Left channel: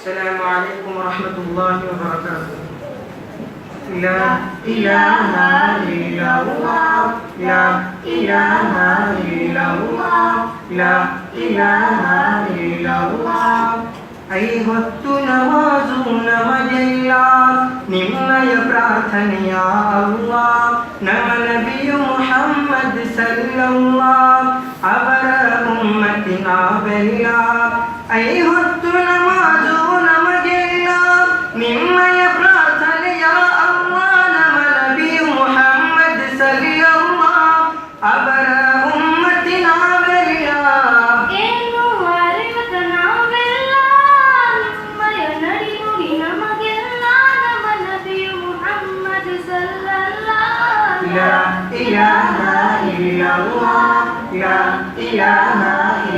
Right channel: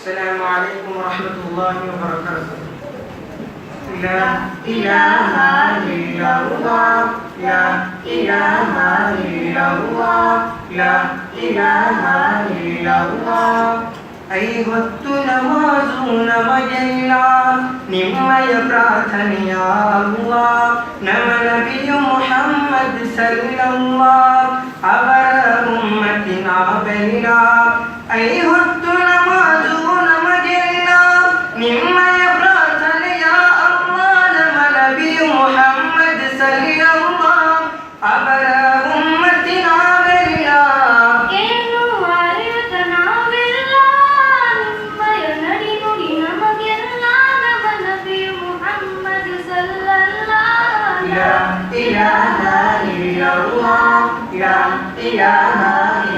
السلام عليكم ورحمة الله وبركاته. لا إله إلا الله لا إله إلا الله لا إله إلا الله ಐವತ್ತು ನಮಾಜು ನಮಗೆಲ್ಲ ನಿಮ್ಮಯ ಪ್ರಾರ್ಥನೆಯ ಅಲ್ಲಾಹ್ ನಮ್ಮ ನಬಿಯು ಮುಹಮ್ಮದ್ ಸಲ್ಲಲ್ಲಾಹ್ ಅವರ ಉಮ್ಮತಿನಾವೆಲ್ಲ ಐವತ್ತು ನಮಾಜು ನಮಗೆಲ್ಲ ನಿಮ್ಮಯ ಪ್ರಾರ್ಥನೆಯ ಅಲ್ಲಾಹ್ ನಮ್ಮ ನಬಿಯು ಮುಹಮ್ಮದ್ ಸಲ್ಲಲ್ಲಾಹ್ ಅವರ لا إله إلا الله لا إله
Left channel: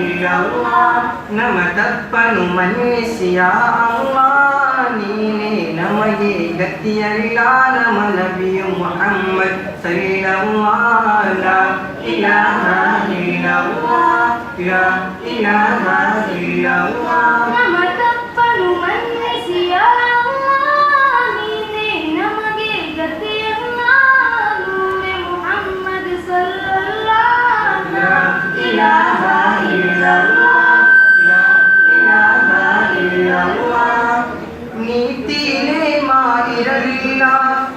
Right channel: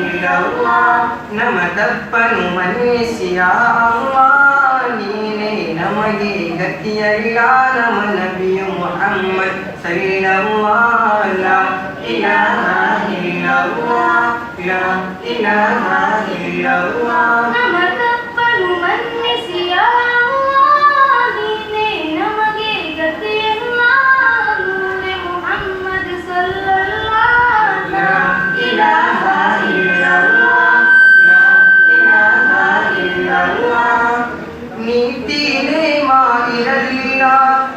إلا الله ನಮ್ಮ ತಪ್ಪನು ಮನ್ನಿಸಿ ಯಾ ಅಲ್ಲಾಹ್ ನೀನೇ ನಮಗೆ ಗತಿಯಿಲ್ಲ ನಮ್ಮ ನಬಿಯು ಮುಹಮ್ಮದ್ ಸಲ್ಲಲ್ಲಾಹು ಲಾ ಇಲಾಹ ಇಲ್ಲಲ್ಲಾಹ್ ಲಾ ಇಲಾಹ ಇಲ್ಲಲ್ಲಾಹ್ ನಮ್ಮ ತಪ್ಪನು ಮನ್ನಿಸಿ ಯಾ ನೀತಿನೇ ಮಾಡಿರಲಿಲ್ಲ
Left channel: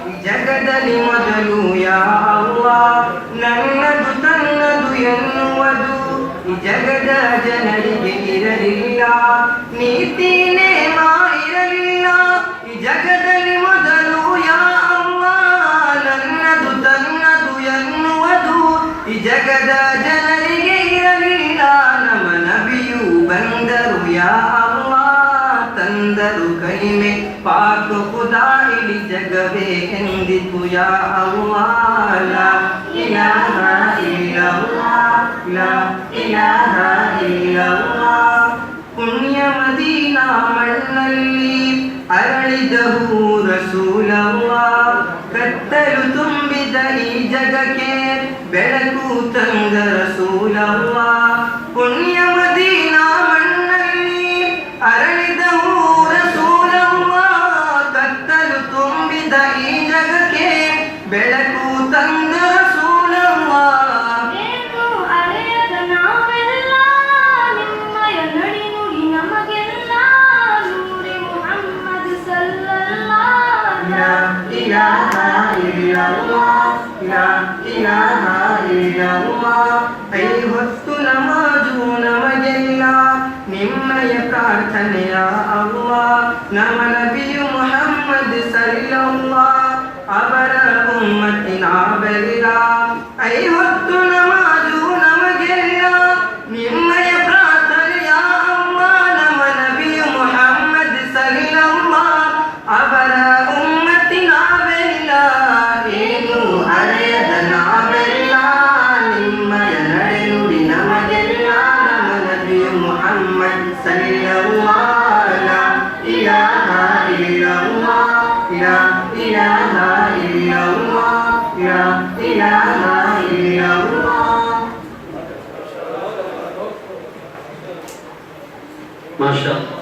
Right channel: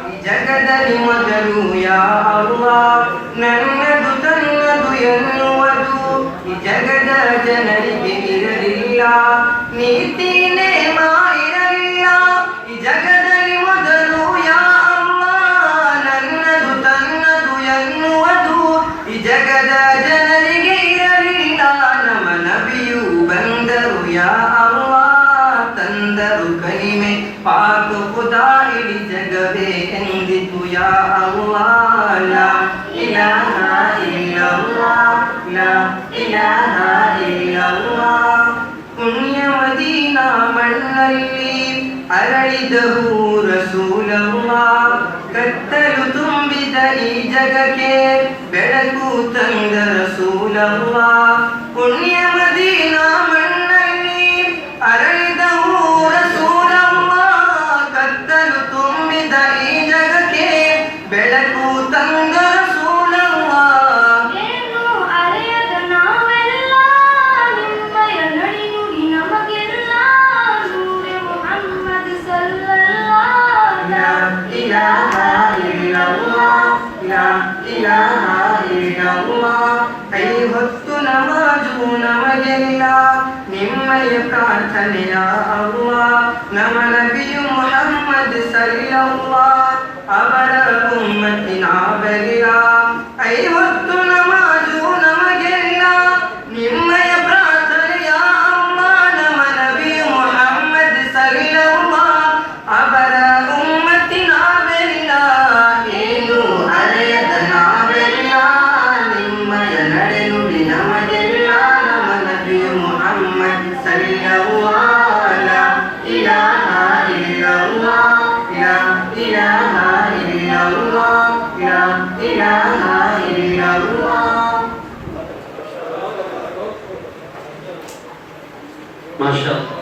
ಈ ಜಗದಲ್ಲಿ ಮೊದಲು ಯಾ ಅಲ್ಲಾಹ್ ನನ್ನದು ತನ್ನದು ಎನ್ನುವುದು ಈ ಜಗದ ಜನರಿಗೆ ಇರಲಿಲ್ಲ ನೀತಿನೇ ಮಾಡಿರಲಿಲ್ಲ ಈ ಜಗದಲ್ಲಿ ಮೊದಲು ಯಾ ಅಲ್ಲಾಹ್ ನನ್ನದು ತನ್ನದು ಎನ್ನುವುದು ಈ ಜಗದ ಜನರಿಗೆ ಇರಲಿಲ್ಲ ನಮ್ಮ ನಬಿಯು ಬಂದರು ಯಾ ತಂದರು ಕಲಿಮೆ ಪಾಕ ಖುದಾ ಇಡೀ ಜಗವೇ ಎಂದಿತು ಯಾ ಅಲ್ಲಾಹ್ ಲಾ ಇಲಾಹ ಇಲ್ಲಲ್ಲಾಹ್ ಲಾ ಇಲಾಹ ಇಲ್ಲಲ್ಲಾಹ್ ಪುಣ್ಯ ಮದೀನಾ ಮಣ್ಣಲ್ಲಿ ಅರಳಿದರು ರಸೂಲಲ್ಲಾಹ್ ಕತ್ತಲು ತುಂಬಿದ ಈ ಜಗಕ್ಕೆ ಬೆಳಕು ತಂದ ರಸೂಲಲ್ಲಾಹ್ ಪುಣ್ಯ ಮದೀನಾ ಬೆಳಕು ತಂದ ರಸೂಲಲ್ಲಾಹ್ ಏನು ಅರೆಯದ ನಾವೆಲ್ಲ ನಿಮ್ಮಯ ನಡಿನುಡಿ ನಮಗೆಲ್ಲ ನೂರೆ ಮುಹಮ್ಮದ್ ಸಲ್ಲಲ್ಲಾಹ್ ಲಾ ಇಲಾಹ ಇಲ್ಲಲ್ಲಾಹ್ ಲಾ ಇಲಾಹ ಇಲ್ಲಲ್ಲಾಹ್ ಐವತ್ತು ನಮಾಜು ನಮಗೆಲ್ಲ ನಿಮ್ಮಯ ಪ್ರಾರ್ಥನೆಯ ಅಲ್ಲಾಹ್ ನಮ್ಮ ನಬಿಯು ಮುಹಮ್ಮದ್ ಸಲ್ಲಲ್ಲಾಹ್ ಅವರ ಉಮ್ಮತಿನಾವೆಲ್ಲ ಐವತ್ತು ನಮಾಜು ನಮಗೆಲ್ಲ ನಿಮ್ಮಯ ಪ್ರಾರ್ಥನೆಯ ಅಲ್ಲಾಹ್ ನಮ್ಮ ನಬಿಯು ಮುಹಮ್ಮದ್ ಸಲ್ಲಲ್ಲಾಹ್ ಅವರ ಉಮ್ಮತಿನಾವೆಲ್ಲ ಏನು ಅರೆಯದ ನಾವೆಲ್ಲ ನಿಮ್ಮಯ ನಡೆನುಡಿ ನಮಗೆಲ್ಲ ನಮ್ಮ ನಬಿಯು ಮುಹಮ್ಮದ್ ಸಲ್ಲಲ್ಲಾಹ್ ಲಾ ಇಲಾಹ ಇಲ್ಲಲ್ಲಾಹ್ ಲಾ ಇಲಾಹ ಇಲ್ಲಲ್ಲಾಹ್ ಲಾ ಇಲಾಹ ಇಲ್ಲಲ್ಲಾಹ್ ಮಾಶಾ ಅಲ್ಲಾಹ್.